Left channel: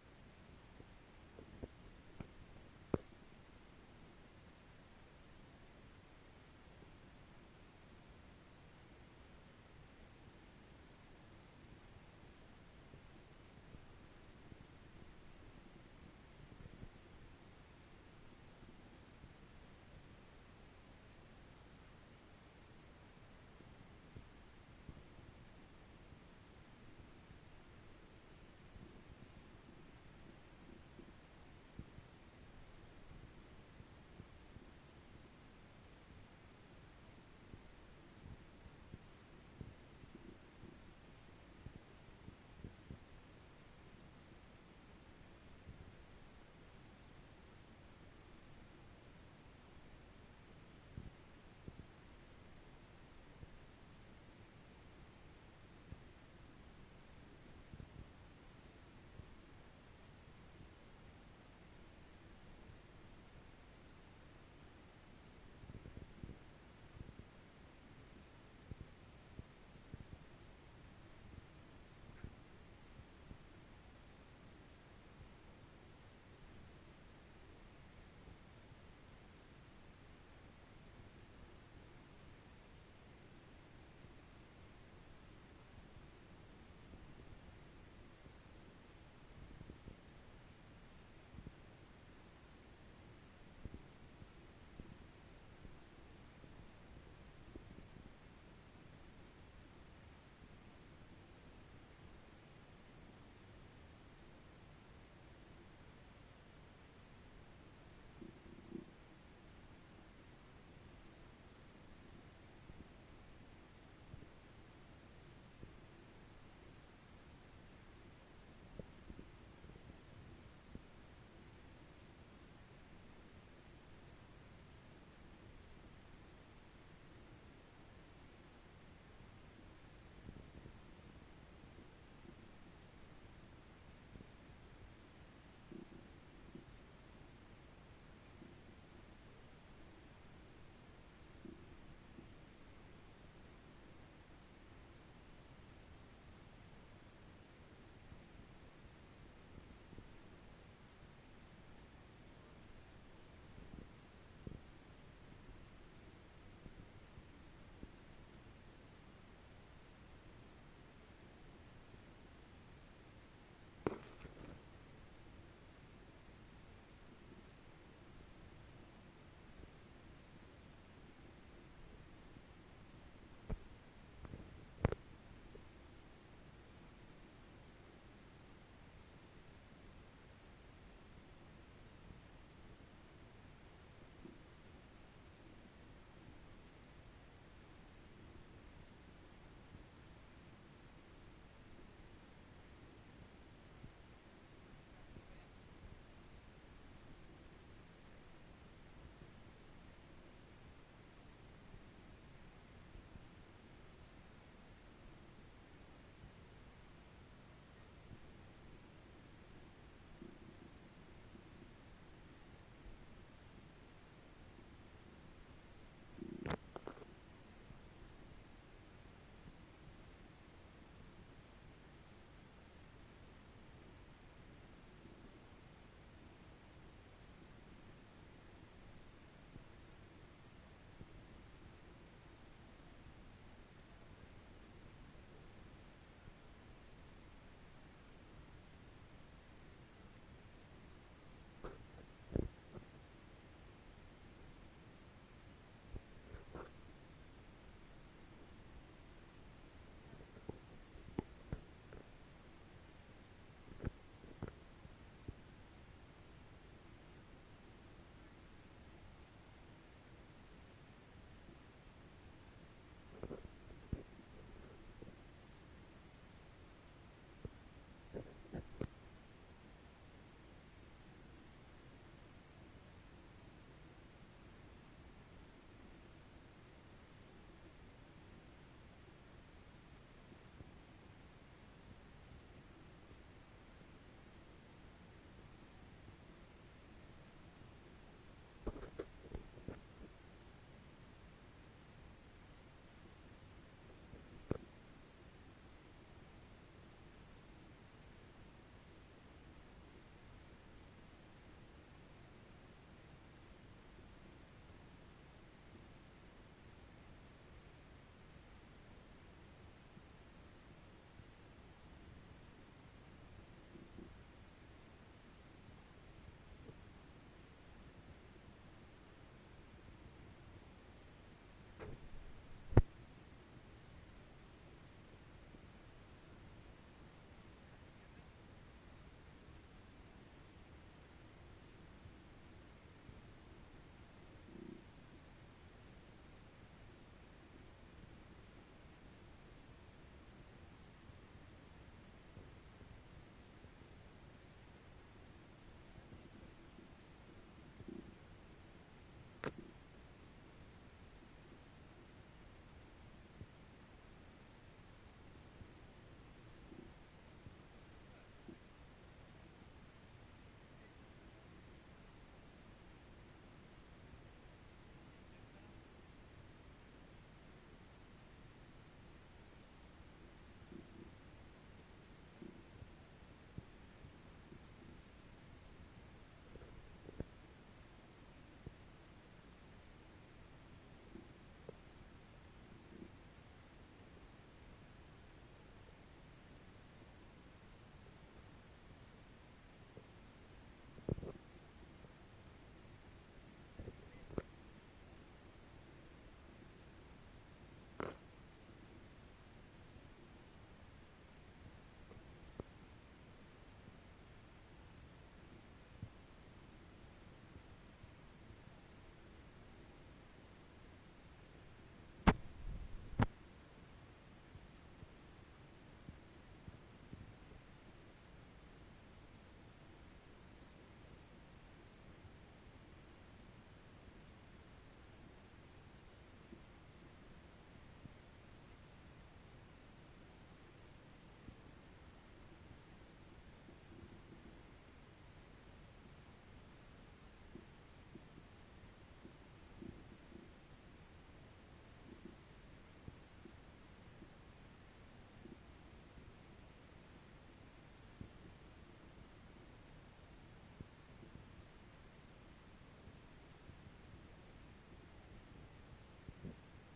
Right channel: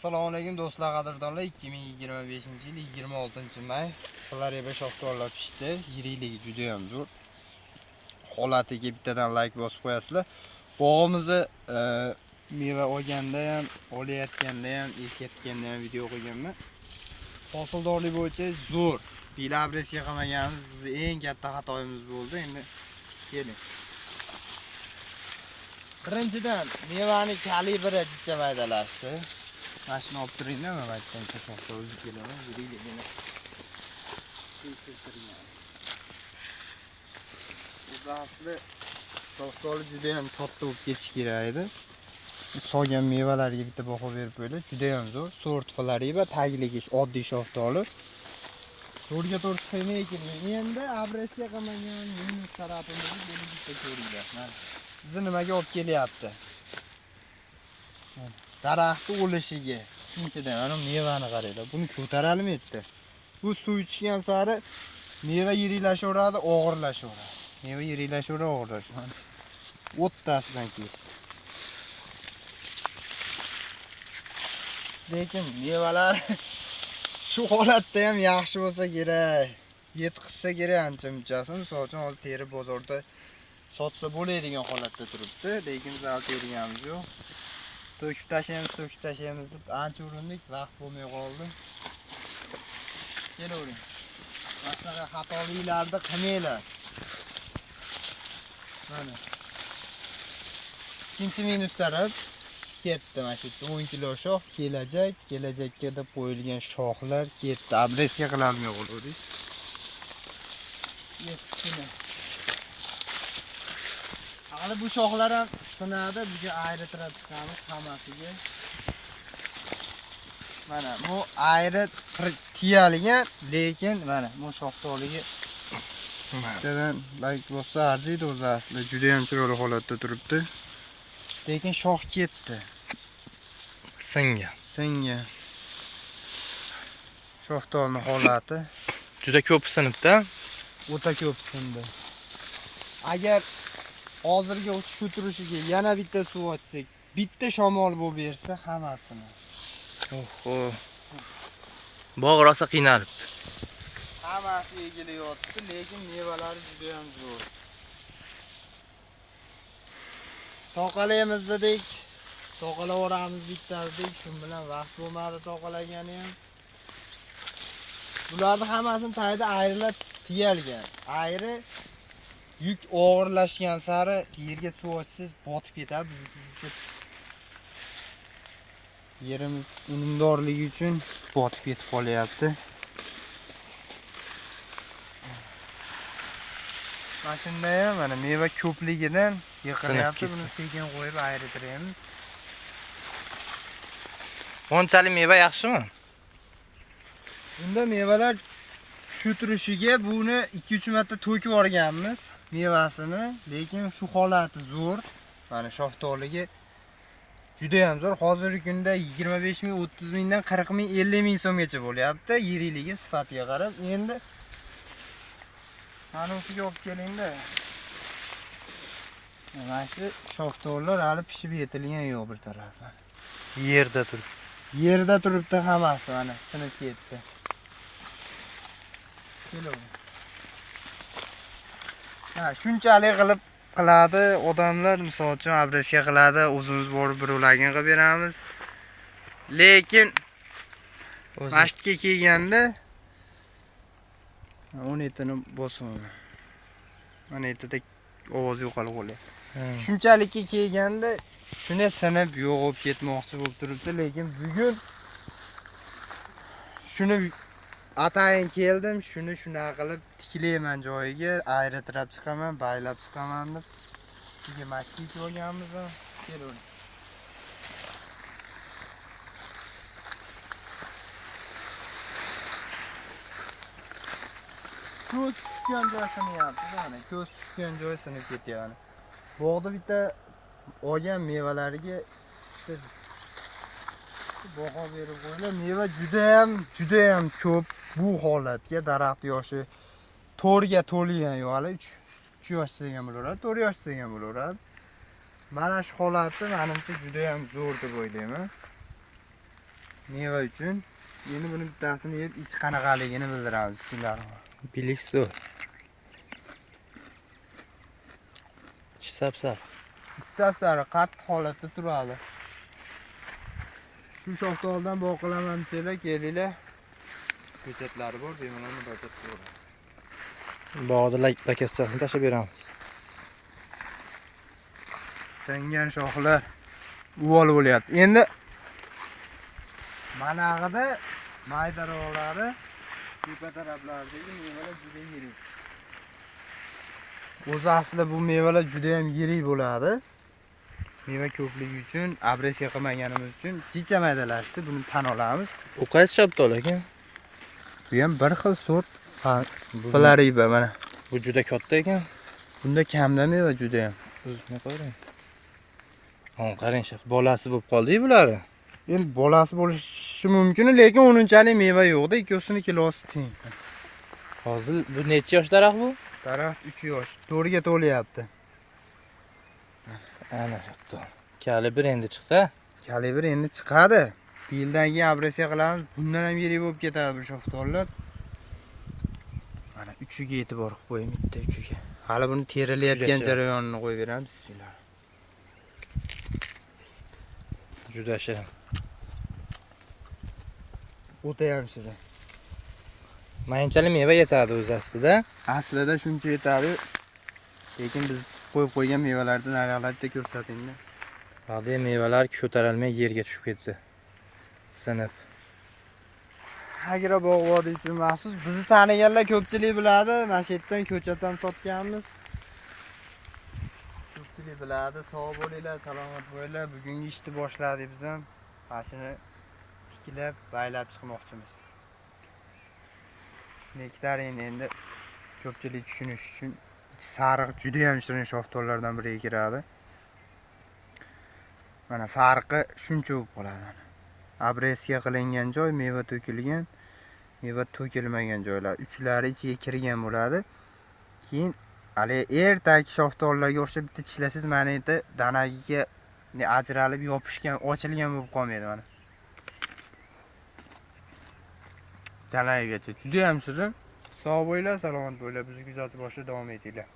Assalomu alaykum do'stlar, qadrdonlar. 2025-yil 26-may Florida shoxtorlar pishdi. Yirikligi juda ham zo'r. Holatiga bittadan like bosib qo'yasizlar. Bog'imizni meva olganda ham, olayotganda ham, ekayotganda ham video qo'yganman. Hosildorlik bo'yicha zo'r. Bilabresga qilmaganimiz bizning eng katta xatoyimiz bo'ldi. Endi keling. Birinchidan mevani kalibri jicha maydalashdi. Mashina olib turingda, men aytgan shoxda o'zi kelaman, yuriyligini tekshirtirgan. Bu asli shoxdoli juda ham katta bo'lib ketish kerak edi. Solgan mevalarga bitta baho berib qo'ydi, juda ham zo'r. Sort Florida tagligi oddiy shoxdoli. To'rga to'rt qilmay keling. Endi abresga qilmagan minus tarafimizni buni bitta ko'ringlar. Mana bizni nimaga olib kelyapti? Daraxtni o'lishiga. Ikkinchidan, mana mevani qaranglar. Buni ko'tarolmaydi. Bu suv ichgan sari meva yiringlashaveradi, og'irlashaveradi. Meva yiringlashaveradi, og'irlashaveradi. O'ttasidan keyin. Lekin mevalar shu holatda ham yaxshi bo'lsa kerak. Yetkizsa kerak ancha-munchasi. Misol uchun hozir teri bozorda sotsa bo'ladigan holatda turibdi, lekin biz hali terganimiz yo'q. To'kib tashlaymiz deb ancha urindik, vaqt bo'lmay qoldi. Kelavering. Masalan, xatoliklarni qilmanglar. Mana. Ikkinchi minus taraf ketdi. Mana shu 10 kilo shox kelajakka deb qo'yilgan shoxlar ketdi. Abresga qilolmay qoldik. Hali bu shoxlar ham sinadi, bunga ayritirib chiqamiz hammasiga. Mana bu ayri tiyalgan, lekin mana bu shoxdoligi bittadan like bo'lsa arziydi o'zi asli. Juda ham chiroyli holatda turibdi. Lekin shox ketdi. Singan. Shoxdolning holati juda ko'p sinibdi. O'ta ko'p sindi. Agar hozirgi uchish turishiga yana bitta suv ochsak, bitta shamol bo'lib bersa hammasini. Oho. Bog' rosa qiynalibdi. Hammasi egilayotdi, lekin mevalari juda ham zo'r. Toqalaymiz dedik. Toqalavoramiz bittadik, shu bilan vaqt bo'lmadi toqalagani ham. Bularni hammasini tagida ayrilib tiyalgan. Ayri yuk og'irlashgan sari yerga suv ochsiz botib ketadi. Yerimiz unumdorligi uchun botib ketib qolyapti. Mana shunday ham mana meva ko'pligidan yiqilyapti. Buni sekin qo'yib ayritiramiz. Bunchalik meva yaxshimi? Bunda mevalar shu turishiga buni 2-3 marta to'kib olganmiz mevasini, lekin shu holati zo'r. Mana shoxdoligi juda ham zo'r. Hozirgi kunda 25 ming, 30 mingdan 40 ming, 50 ming so'mgacha bo'lyapti. Yirikligi, sifatiga qarab. Endi mana usiga olib kelingda. Mana shu shoxdollar hali pishib yetilgan yo'q bir tarafdan. Yerda turibdi hammasi, mana sinib ketdi. Ha, shunchalik qiladi odamlar, misol uchun abresga qiladi, o'zimiz borib birovlarga qilib beramiz. Lekin masjidga kelganda 17 ni bosaman. Mana yerda ovoz yo'qolib qolyapti. Shunchalikka kelganda shuni sinib yo'qolib ketmoqchi bo'lib turibdi, lekin bugun shuni atayin keldim, shuni shunaqa qilib tiklayman joyiga, ayritirib chiqaman, baylab chiqaman deb. Bunga masjid olganmiz, kelavering. Ko'z tushgan joy sinyapti, mana ko'z tushgan joy sinib ketyapti. Bog'da bitta olgan mevalariga baho berib qo'yinglar. Meva juda ham ko'p. Bu holatga daraxt yoshi 4 ga to'lgan yo'q, hali 3 yoshda ham bo'laveradi, 4 yoshda ham bo'laveradi. Mana shu holati menimcha juda ham zo'r deb o'ylayman. Meva uchun. Endi buni bittasini yeb ichi qanaqaligini bildiramiz. Bismillahirrohmanirrohim. Bilik zo'r. Ichi sap-sap. Sap-sariq qattiq holatda turadi. Shu shoftoldan bog' qilaman desanglar, kelinglar. Ko'chatlari bor, bemalol murojaat qilaveradi. Bog'da lakasini tashlab beramiz. Sangan shoxlar uvol bo'lyapti. Endi manag'ida maydaroqlari tepa taraflaridagi mevalar juda yirik. O'zi aslida bu mevalar juda ham yirik bo'ladi. Meva ko'pligi uchun, abresiya qilmaganimiz uchun jicha maydalashdi. Buni tan olamiz. U qaysi shaftoli ekan? Bu ham bir xil sort Bu Flariba mana. bu juda katta ekan. Bunda kamda meva juda ham. O'zini qarang. Ha, qarang shaf. Bolasi bo'lib qoldi-ku bular. Endi bolasi bo'lishi mumkin, lekin unchalik meva yo'qda, ikkosini kilosi teng. Hozir bu necha yosh daraxt bu? Daraxt 3 yosh, 4 ga to'lyapti. Ana shu. Kalibr endi chiqdi. Kalibr endi chiqadi. Bu yildan keyin abresiya qilamiz. Bundan ham yirik bo'lib ketadi bu shoftollar. Mana 3ga e'tibor qilib qo'ying, bitta 3ga. Hali buni terilayotgan jarayonini qo'yib beramiz. Bismillah. Juda shirin. O'ta ham shirin. Mayinchalik meva yetadi o'zi aslida. Aslida shuncha yetadi. Lekin biz qo'yib qo'ygan mevalardan narxlarda ko'rsatinglar. Hali mevalar ko'tarilmay yerga tushib ketdi. Sinib. Agra bog' vodiy uchun maxsus bizni taniganlar ko'pchilik biladi. Mana shu yerdan ko'chatdan sotganmiz. Ko'pchilik biladi. Sog' bo'linglar, salomat bo'linglar. Bugungi ishni boshladik biz ham. Mashina tiklab, baylab chiqmoqchimiz. Nektarin endi ko'pchilik tushunish uchun sariq juda ham shirin shoftollardan biriga kiradi. Mana farqi shuncha bo'lib qoladi. Abresiya qilingan joy, meva to'kilgan, meva to'kilmagan joylar, uchlari ichiga kirgan bo'ladi. Keyin hali ertagi shoftollarga o'xshab bitta tishlasangiz, mana endi danagiga ajralib yopishgan, ochilgan bo'lib qolmaydi mana. Danagigacha juda ham shirin. Sog' bo'linglar, salomat bo'linglar. Bizni kuzatib boshida davom etinglar.